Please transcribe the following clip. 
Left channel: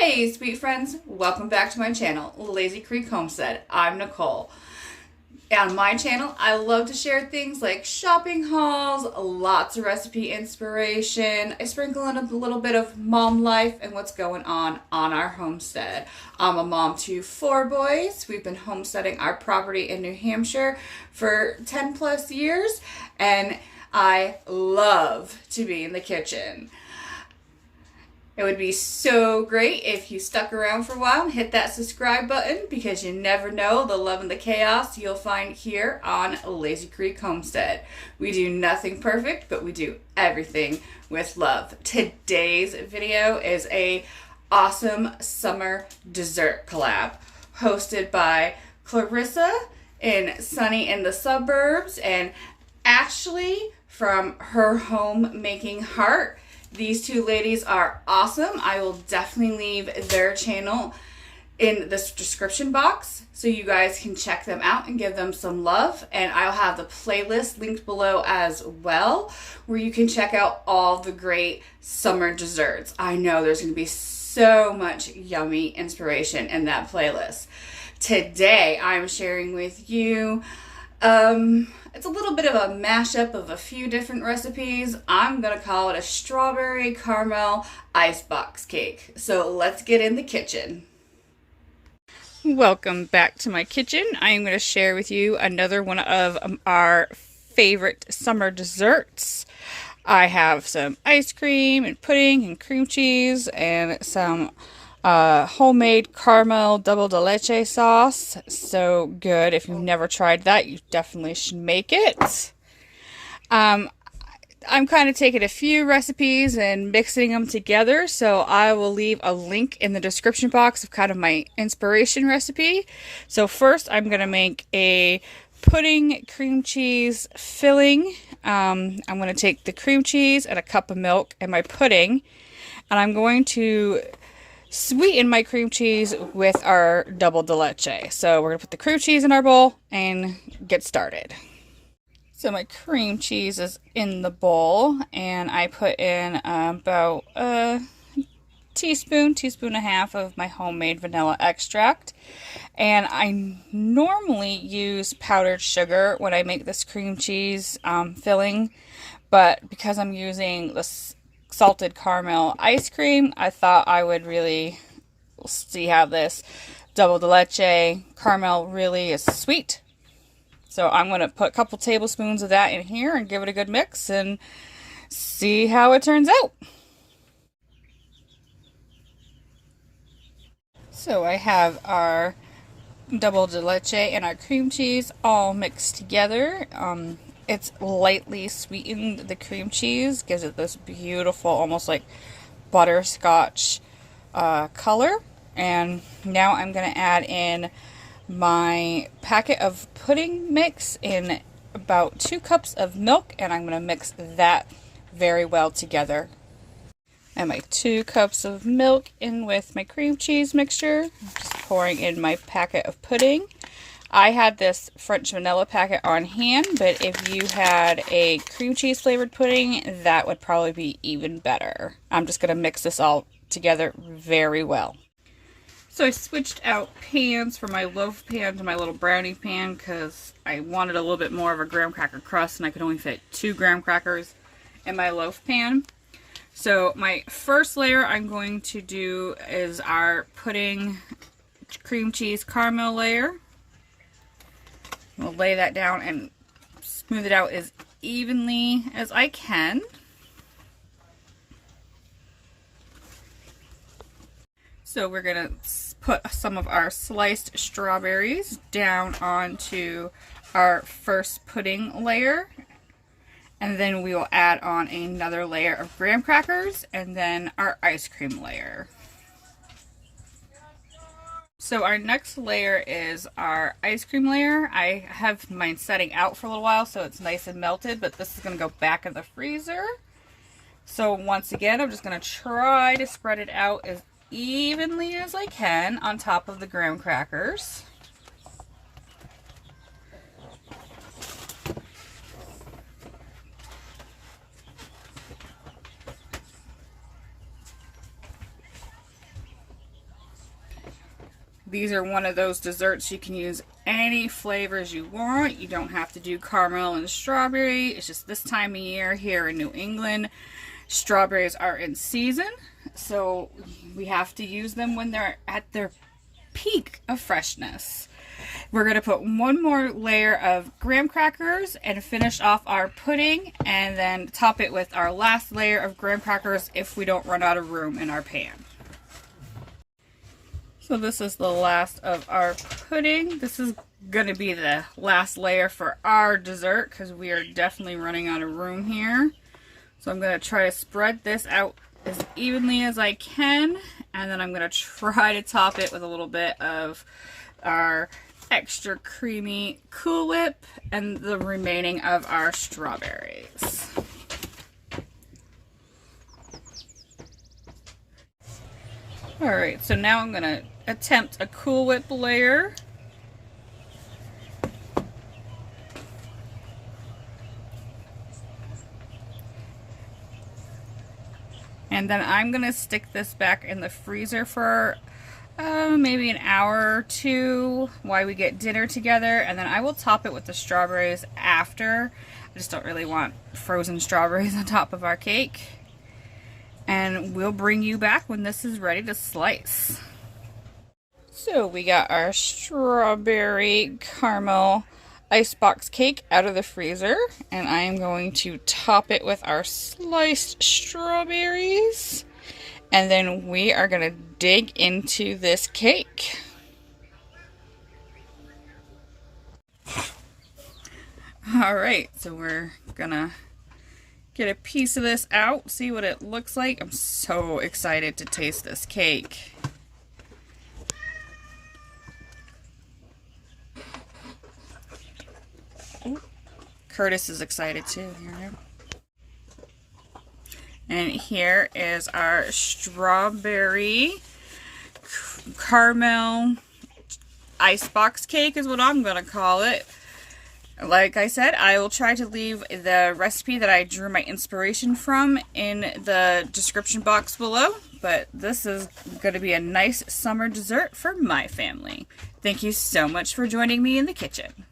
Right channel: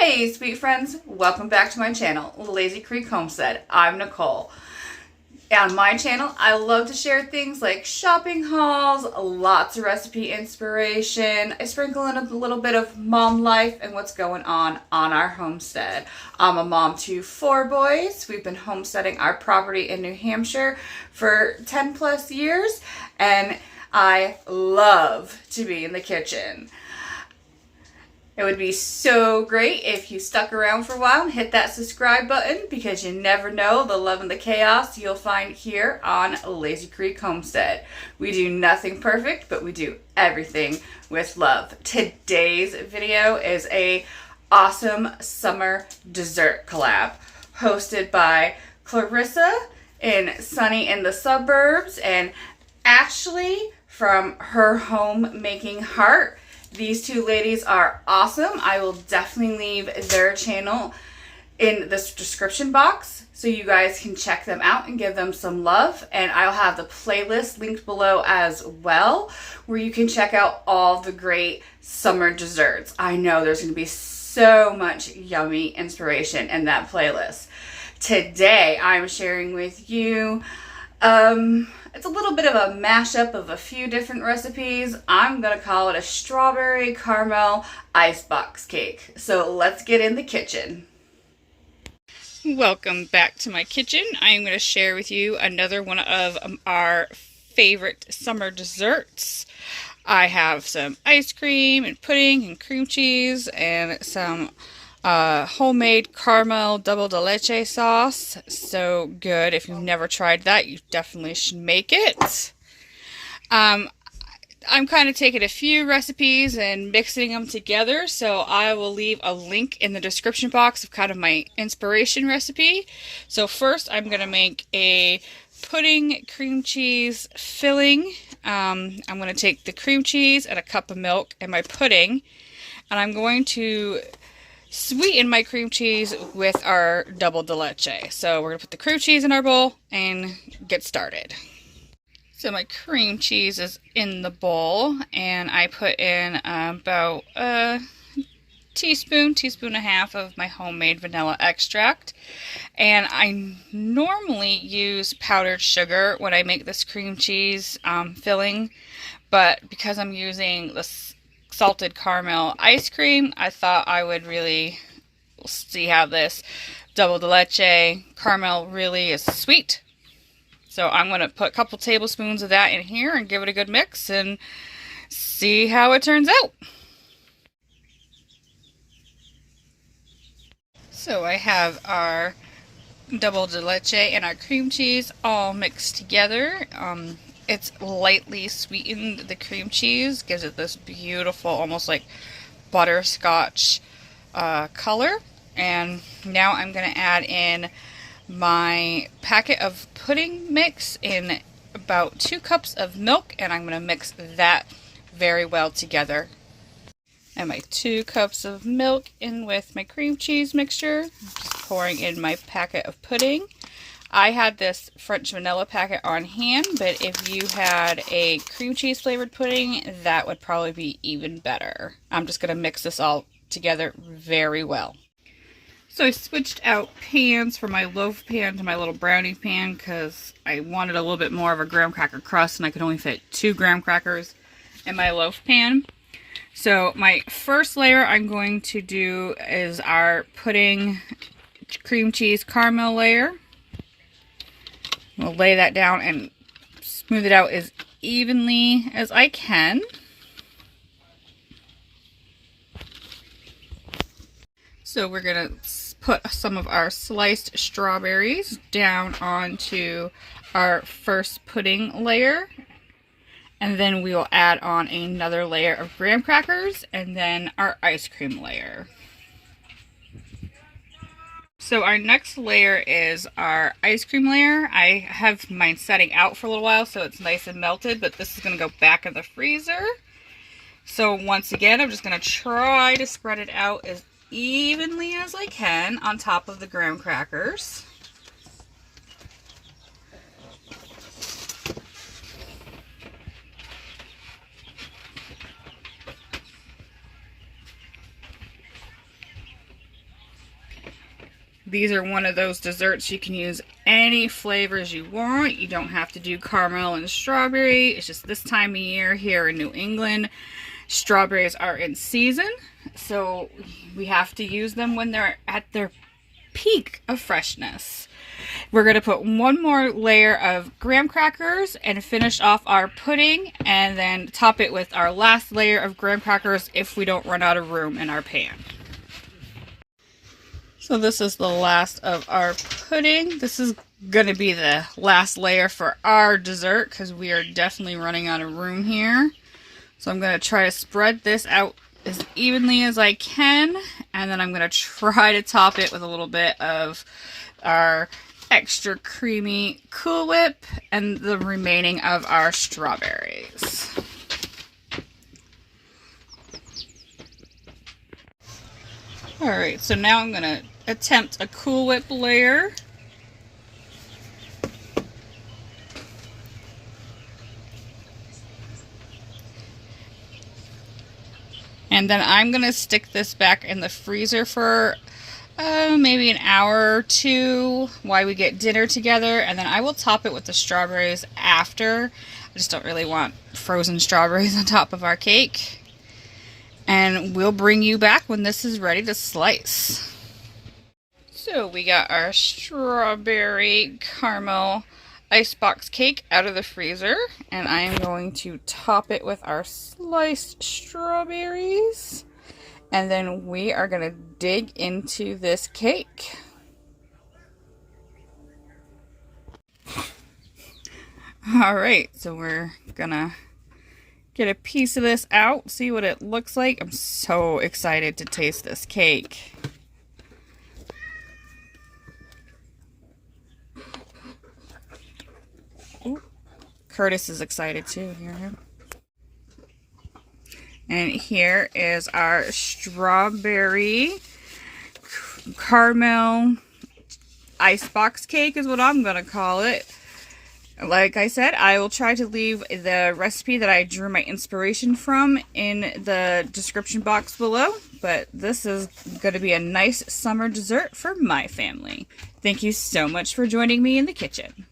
Hey sweet friends, welcome back to my channel, Lazy Creek Homestead. I'm Nicole. On my channel, I love to share things like shopping hauls, lots of recipe inspiration. I sprinkle in a little bit of mom life and what's going on our homestead. I'm a mom to 4 boys. We've been homesteading our property in New Hampshire for 10 plus years, and I love to be in the kitchen. It would be so great if you stuck around for a while and hit that subscribe button, because you never know the love and the chaos you'll find here on Lazy Creek Homestead. We do nothing perfect, but we do everything with love. Today's video is a awesome summer dessert collab hosted by Clarissa in Sunny in the Suburbs and Ashley from Her Homemaking Heart. These two ladies are awesome. I will definitely leave their channel in the description box so you guys can check them out and give them some love. And I'll have the playlist linked below as well, where you can check out all the great summer desserts. I know there's going to be so much yummy inspiration in that playlist. Today, I'm sharing with you it's a little bit of a mashup of a few different recipes. I'm going to call it a strawberry caramel icebox cake. So let's get in the kitchen. Welcome back to my kitchen. I am going to share with you another one of our favorite summer desserts. I have some ice cream and pudding and cream cheese and some homemade caramel double de leche sauce. So good. If you've never tried that, you definitely should make it. I'm kind of taking a few recipes and mixing them together, so I will leave a link in the description box of kind of my inspiration recipe. So first I'm going to make a pudding cream cheese filling. I'm going to take the cream cheese and a cup of milk and my pudding, and I'm going to sweeten my cream cheese with our double de leche. So we're going to put the cream cheese in our bowl and get started. So my cream cheese is in the bowl, and I put in about a teaspoon and a half of my homemade vanilla extract. And I normally use powdered sugar when I make this cream cheese filling, but because I'm using this salted caramel ice cream, I thought I would really see how this double de leche caramel really is sweet. So I'm going to put a couple tablespoons of that in here and give it a good mix and see how it turns out. So I have our double de leche and our cream cheese all mixed together. It's lightly sweetened. The cream cheese gives it this beautiful, almost like butterscotch color. And now I'm going to add in my packet of pudding mix in about 2 cups of milk, and I'm going to mix that very well together. And my 2 cups of milk in with my cream cheese mixture. I'm just pouring in my packet of pudding. I had this French vanilla packet on hand, but if you had a cream cheese flavored pudding, that would probably be even better. I'm just going to mix this all together very well. So I switched out pans from my loaf pan to my little brownie pan because I wanted a little bit more of a graham cracker crust, and I could only fit 2 graham crackers in my loaf pan. So my first layer I'm going to do is our pudding cream cheese caramel layer. We'll lay that down and smooth it out as evenly as I can. So we're going to put some of our sliced strawberries down onto our first pudding layer. And then we will add on another layer of graham crackers and then our ice cream layer. So our next layer is our ice cream layer. I have mine setting out for a little while so it's nice and melted, but this is going to go back in the freezer. So once again, I'm just going to try to spread it out as evenly as I can on top of the graham crackers. These are one of those desserts you can use any flavors you want. You don't have to do caramel and strawberry. It's just this time of year here in New England, strawberries are in season, so we have to use them when they're at their peak of freshness. We're going to put one more layer of graham crackers and finish off our pudding, and then top it with our last layer of graham crackers if we don't run out of room in our pan. So this is the last of our pudding. This is going to be the last layer for our dessert because we are definitely running out of room here. So I'm going to try to spread this out as evenly as I can, and then I'm going to try to top it with a little bit of our extra creamy Cool Whip and the remaining of our strawberries. Alright, so now I'm going to attempt a Cool Whip layer. And then I'm going to stick this back in the freezer for maybe an hour or two while we get dinner together. And then I will top it with the strawberries after. I just don't really want frozen strawberries on top of our cake. And we'll bring you back when this is ready to slice. So we got our strawberry caramel icebox cake out of the freezer, and I am going to top it with our sliced strawberries, and then we are going to dig into this cake. Alright, so we're gonna get a piece of this out, see what it looks like. I'm so excited to taste this cake. Ooh, Curtis is excited too. Here. And here is our strawberry caramel icebox cake is what I'm gonna call it. Like I said, I will try to leave the recipe that I drew my inspiration from in the description box below. But this is going to be a nice summer dessert for my family. Thank you so much for joining me in the kitchen.